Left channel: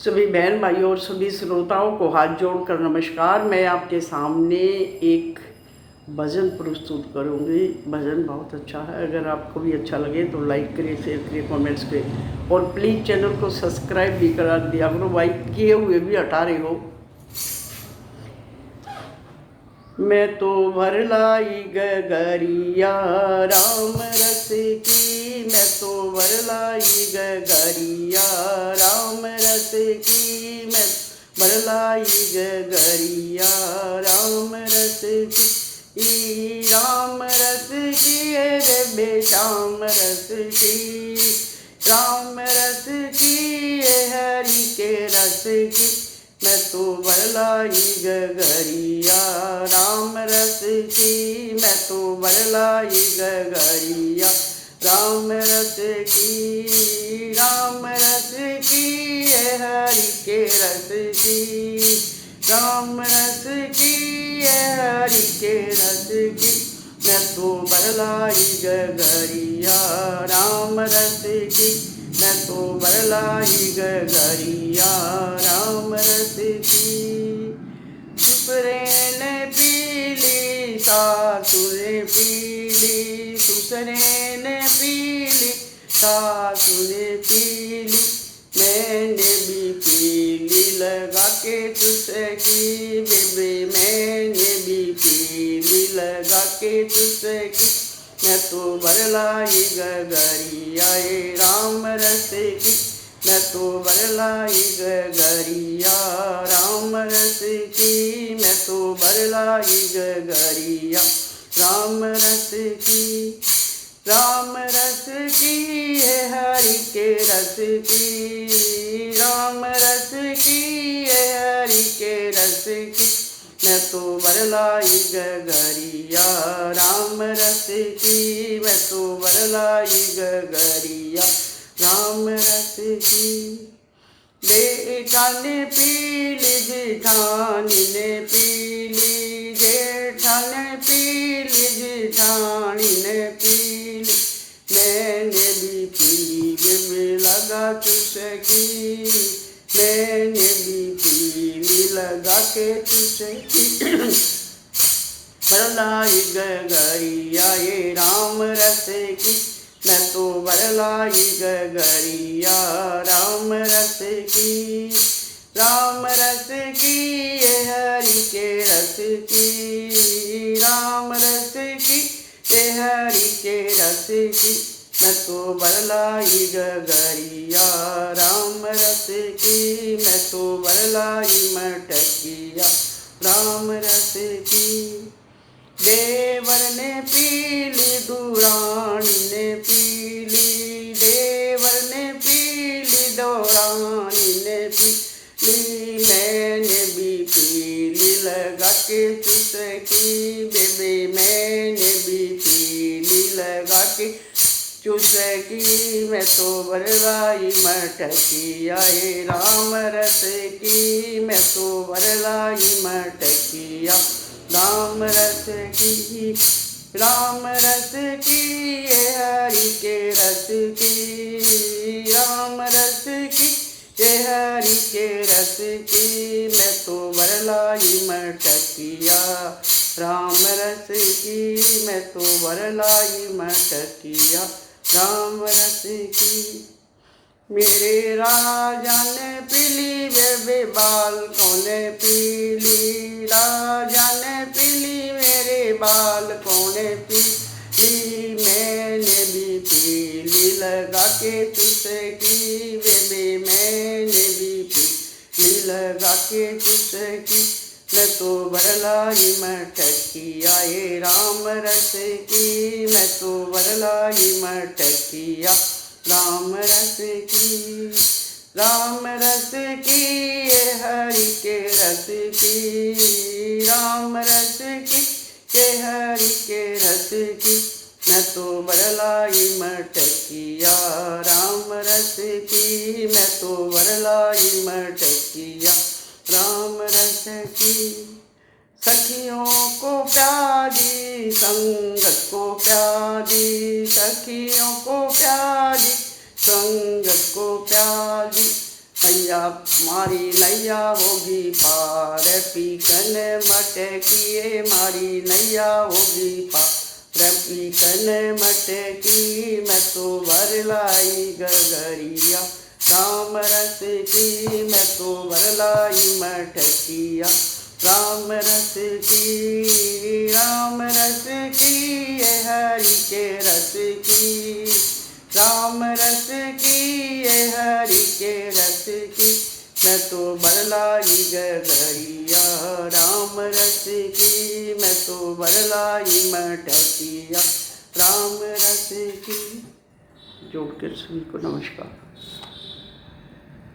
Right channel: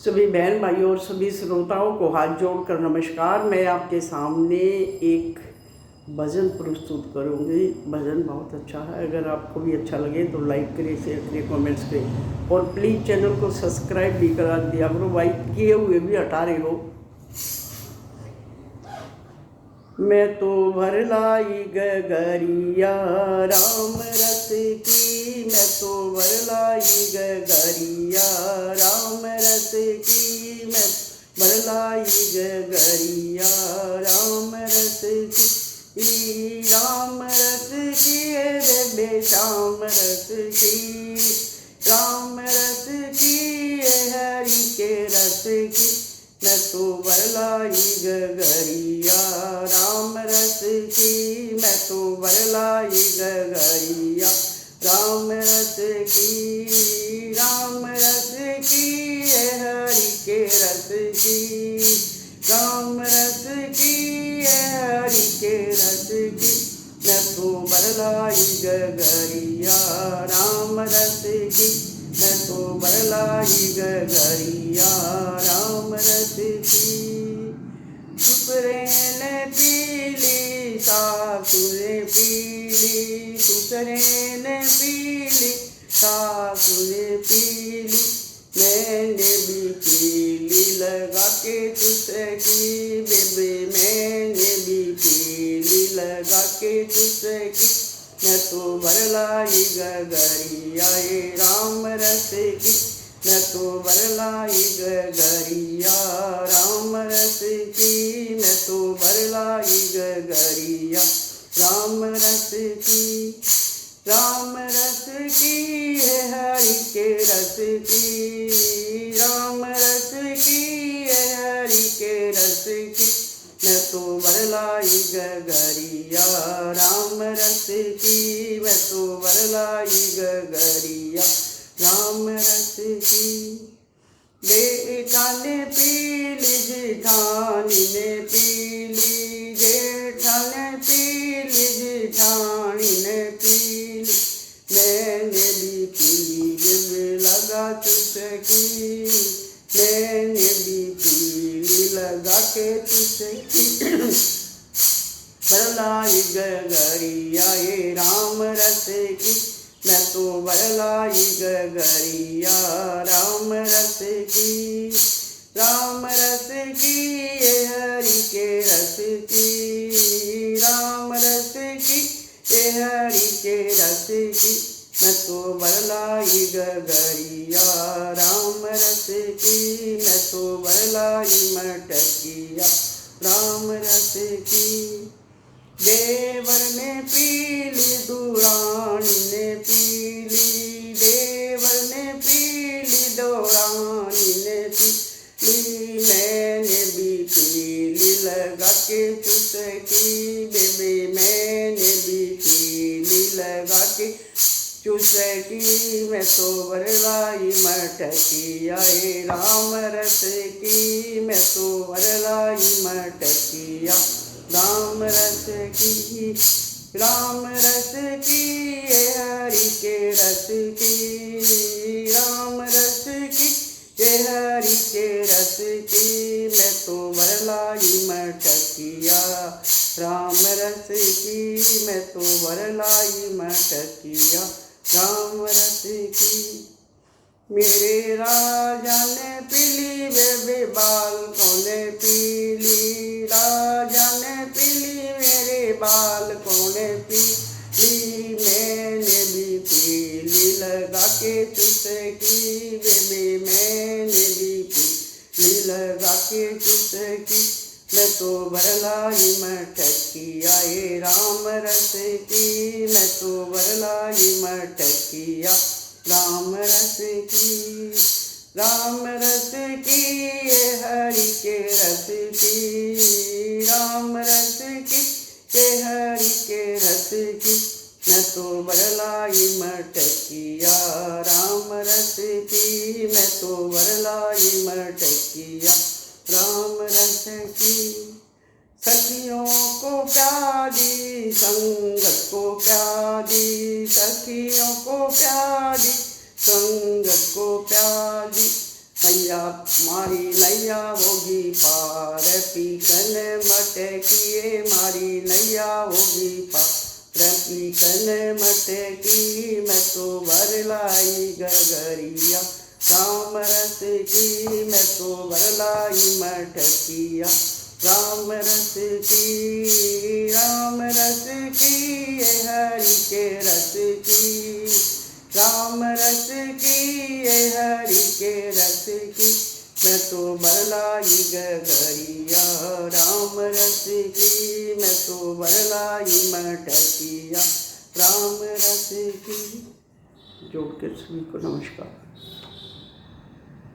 सभी बहन भाइयों और सभी श्रोताओं को हाथ जोड़कर नमस्कार। मैं आपके सामने एक भजन प्रस्तुत करूंगी। भजन बहुत अच्छा है। अगर आपको भी अच्छा लगे तो लाइक करिए, शेयर करिए, कमेंट्स करिए और प्लीज़ चैनल को सब्सक्राइब भी करा दिया करो। लाइक किए हुए भी हटा रहे हो। मैं तो भर लाई गगरिया राम रस की, मैं तो भर लाई गगरिया राम रस की, मैं भर लाई गगरिया राम रस की, राम रस की है बेबे श्याम रस की, राम रस की है हरि के रस की, मैं तो भर लाई गगरिया राम रस की, मैं तो भर लाई गगरिया राम रस की, राम रस की है हरि के रस की, राम रस की है हरि के रस की, मैं तो भर लाई गगरिया राम रस की, मैं तो भर लाई गगरिया राम रस की। सुसरे ने पीली सासु ने पीली, सुसरे ने पीली सासु ने पीली, मैंने भी पीली लगा के चुसकी, बेबे मैंने भी पीली लगा के चुसकी, मैं तो भर लाई गगरिया ये राम रस की, मैं तो भर लाई गगरिया राम रस की, मैं तो भर लाई गगरिया राम रस की, राम रस की है हरि के रस की, राम रस की है हरि के रस की, मैं तो भर लाई गगरिया राम रस की, मैं तो भर लाई गगरिया राम रस की। जेठानी पीली जेठानी ने पीली, जेठानी पीली जेठानी ने पीली, मैंने भी पीली बेबे लगा चुसकी, मैंने भी पीली लगा के चुसकी, भर लाई गगरिया ये राम रस की, मैं तो भर लाई गगरिया राम रस की, राम रस की ये हरि के रस की, राम रस की ये हरि के रस की, मैं तो भर लाई गगरिया राम रस की, मैं तो भर लाई मटकिया राम रस की। देवर ने पीली दुरानी ने पीली, देवर ने पीली दुरानी ने पीली, मैंने भी पीली लगा के चुसकी, बेबे मैंने भी पीली लगा के चुसकी, मैं तो भर लाई मटकिया ये राम रस की, मैं तो भर लाई मटकिया राम रस की, राम रस की ये हरि के रस की, राम रस की ये हरि के रस की, मैं तो भर लाई मटकिया राम रस की, मैं तो भर लाई मटकिया राम रस की। मेरे राजा ने पीली बेबे बाल कोने पीली, राजा ने पीली मेरे बाल कोने पीली, मैंने भी पीली लगा के चुसकी, बेबे मैंने भी पीली लगा के चुसकी, मैं तो भर लाई मटकिया ये राम रस की, मैं तो भर लाई मटकिया राम रस की, राम रस की ये हरि के रस की, राम रस की ये हरि के रस की, मैं तो भर लाई मटकिया राम रस की, मैं तो भर लाई मटकिया राम रस की। सखियों को प्यारी संगत को प्यारी, सखियों को प्यारी संगत को प्यारी, मैया मारी नैया होगी पार, पीकन मटकिए मारी नैया होगी पार, पीकन मटकी मैं तो भर लाई गगरिया, राम रस की मैं तो भर लाई मटकिया, राम रस की ये हरि के रस की, राम रस की ये हरि के रस की मैं तो बरलाई गगरिया, राम रस की मैं तो बरलाई मटकिया, राम रस की। जोड़ के सभी को नमस्कार।